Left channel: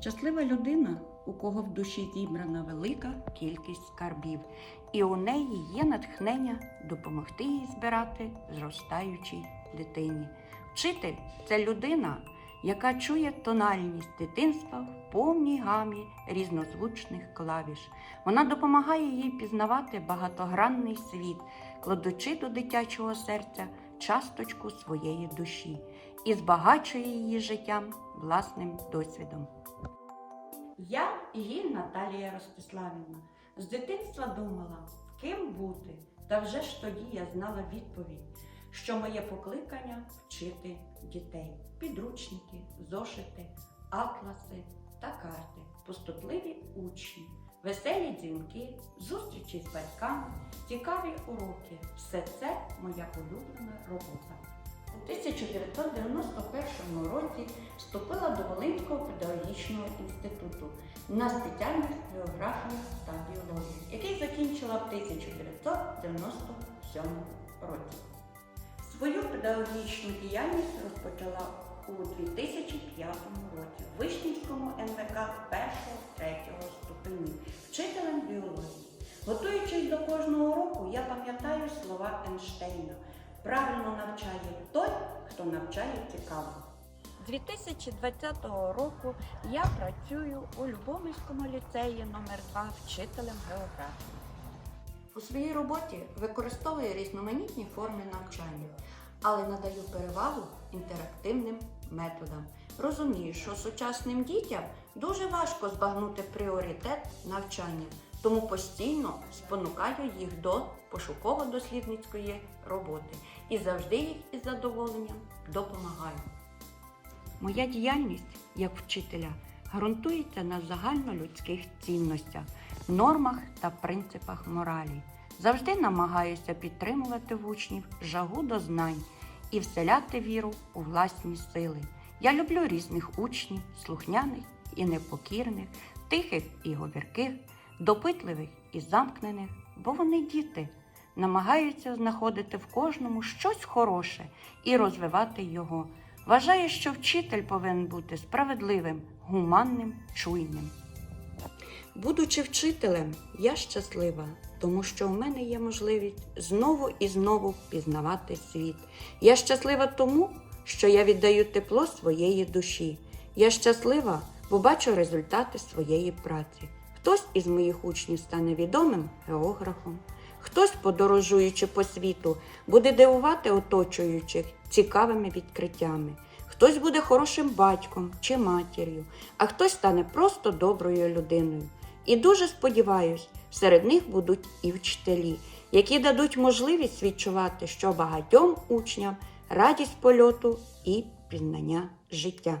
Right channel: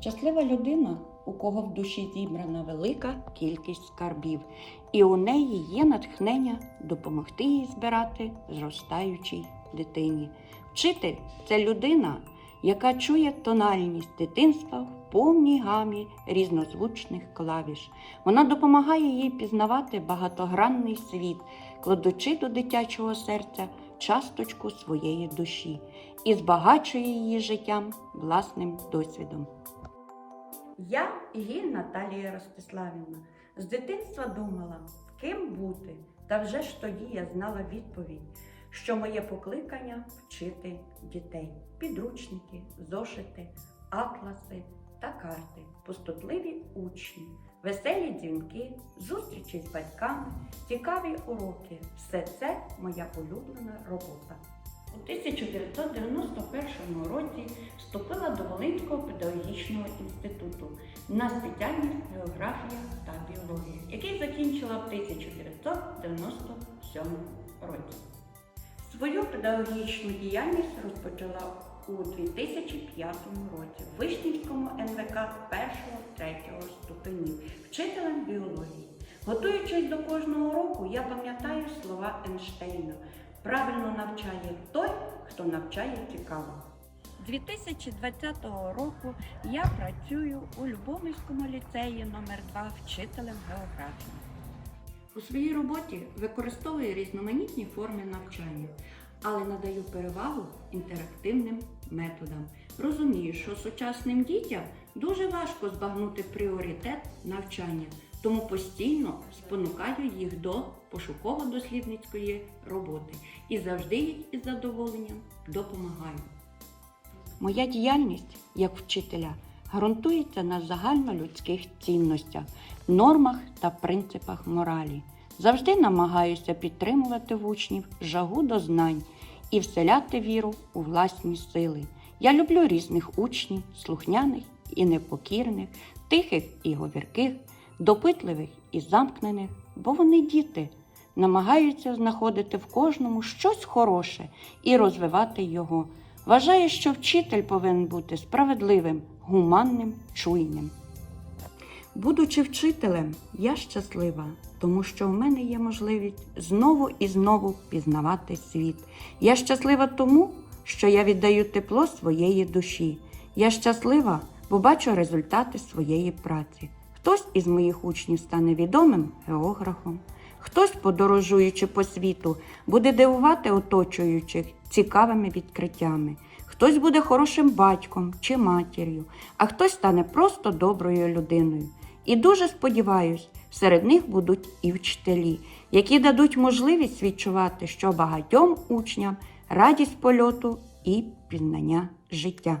Щаслива людина, у кого в душі зібрана велика кількість скарбів, і у неї є натхнення допомогти їй збирати зростаючій дитині. Вчитель це людина, яка чує тональність дитинства в повній гамі різнозвучних клавіш. Вона допомагає їй пізнавати багатогранний світ, кладучи до дитячого серця часточку своєї душі і збагачує її життям власним досвідом. Я Гіль Наталія Ростиславівна з дитинства думала, ким бути, та вже ж тоді я знала відповідь, що моє покликання вчити дітей, підручники, зошити, атласи та карти, пустотливі учні, веселі дзвінки, зустрічі з батьками, цікаві уроки. Все це моя улюблена робота. У 1991 році вступила до Волинського педагогічного інституту на спеціальність географія та біологія, який закінчила в 1997 році. Свою педагогічну діяльність розпочала у 2005 році в Вишнівському НВК 1-3 ступенів вчителем біології. Готуючись до кожного року, я пам'ятаю слова Ейнштейна. Правильно навчає той, хто навчає цікаво. 2020 року я працюю у Любомирському ліцеї номер 2 вчителем географії. У своїй роботі використовую різноманітні форми навчання, але надаю перевагу інтерактивним методам. Розумію, що сучасним дітям дуже важко збагнути пріоритет навчання, тому постійно спонукаю їх до пошуково-дослідницької роботи і завжди їх із задоволенням допомагаю. Моя діяльність як вчителя ґрунтується на загальнолюдських цінностях, нормах та принципах моралі. Завжди намагаюся підтримувати в учнів жагу до знань і вселяти віру у власні сили. Я люблю різних учнів, слухняних і непокірних, тихих і говірких, допитливих і замкнених, бо вони діти, намагаються знаходити в кожному щось хороше і розвивати його. Вважаю, що вчитель повинен бути справедливим, гуманним, чуйним. Будучи вчителем, я щаслива, тому що в мене є можливість знову і знову пізнавати світ. Я щаслива тому, що я віддаю тепло своєї душі. Я щаслива, бо бачу результати своєї праці. Хтось із моїх учнів стане відомим географом, хтось, подорожуючи по світу, буде дивувати оточуючих цікавими відкриттями. Хтось буде хорошим батьком чи матір'ю, а хтось стане просто доброю людиною. І дуже сподіваюсь, серед них будуть і вчителі, які дадуть можливість відчувати, що багатьом учням радість польоту і пізнання життя.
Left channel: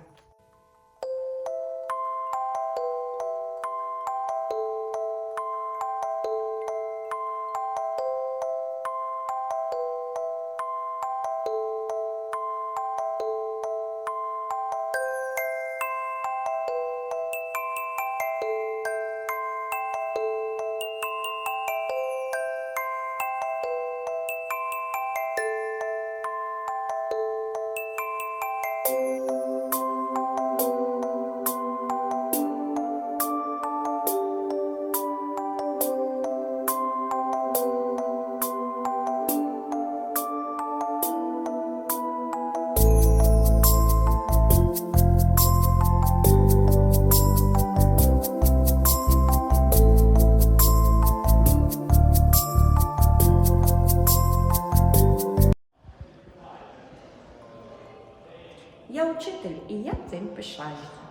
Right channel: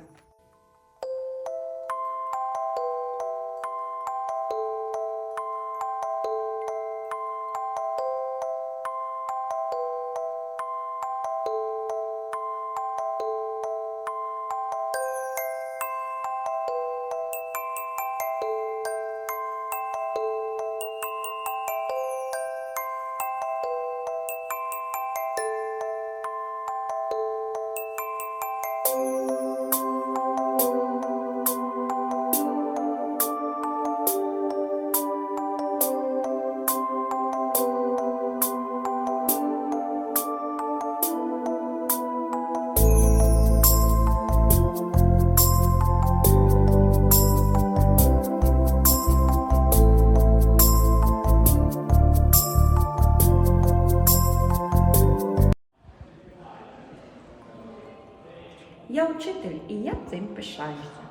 Я учитель і я цим пишаюся.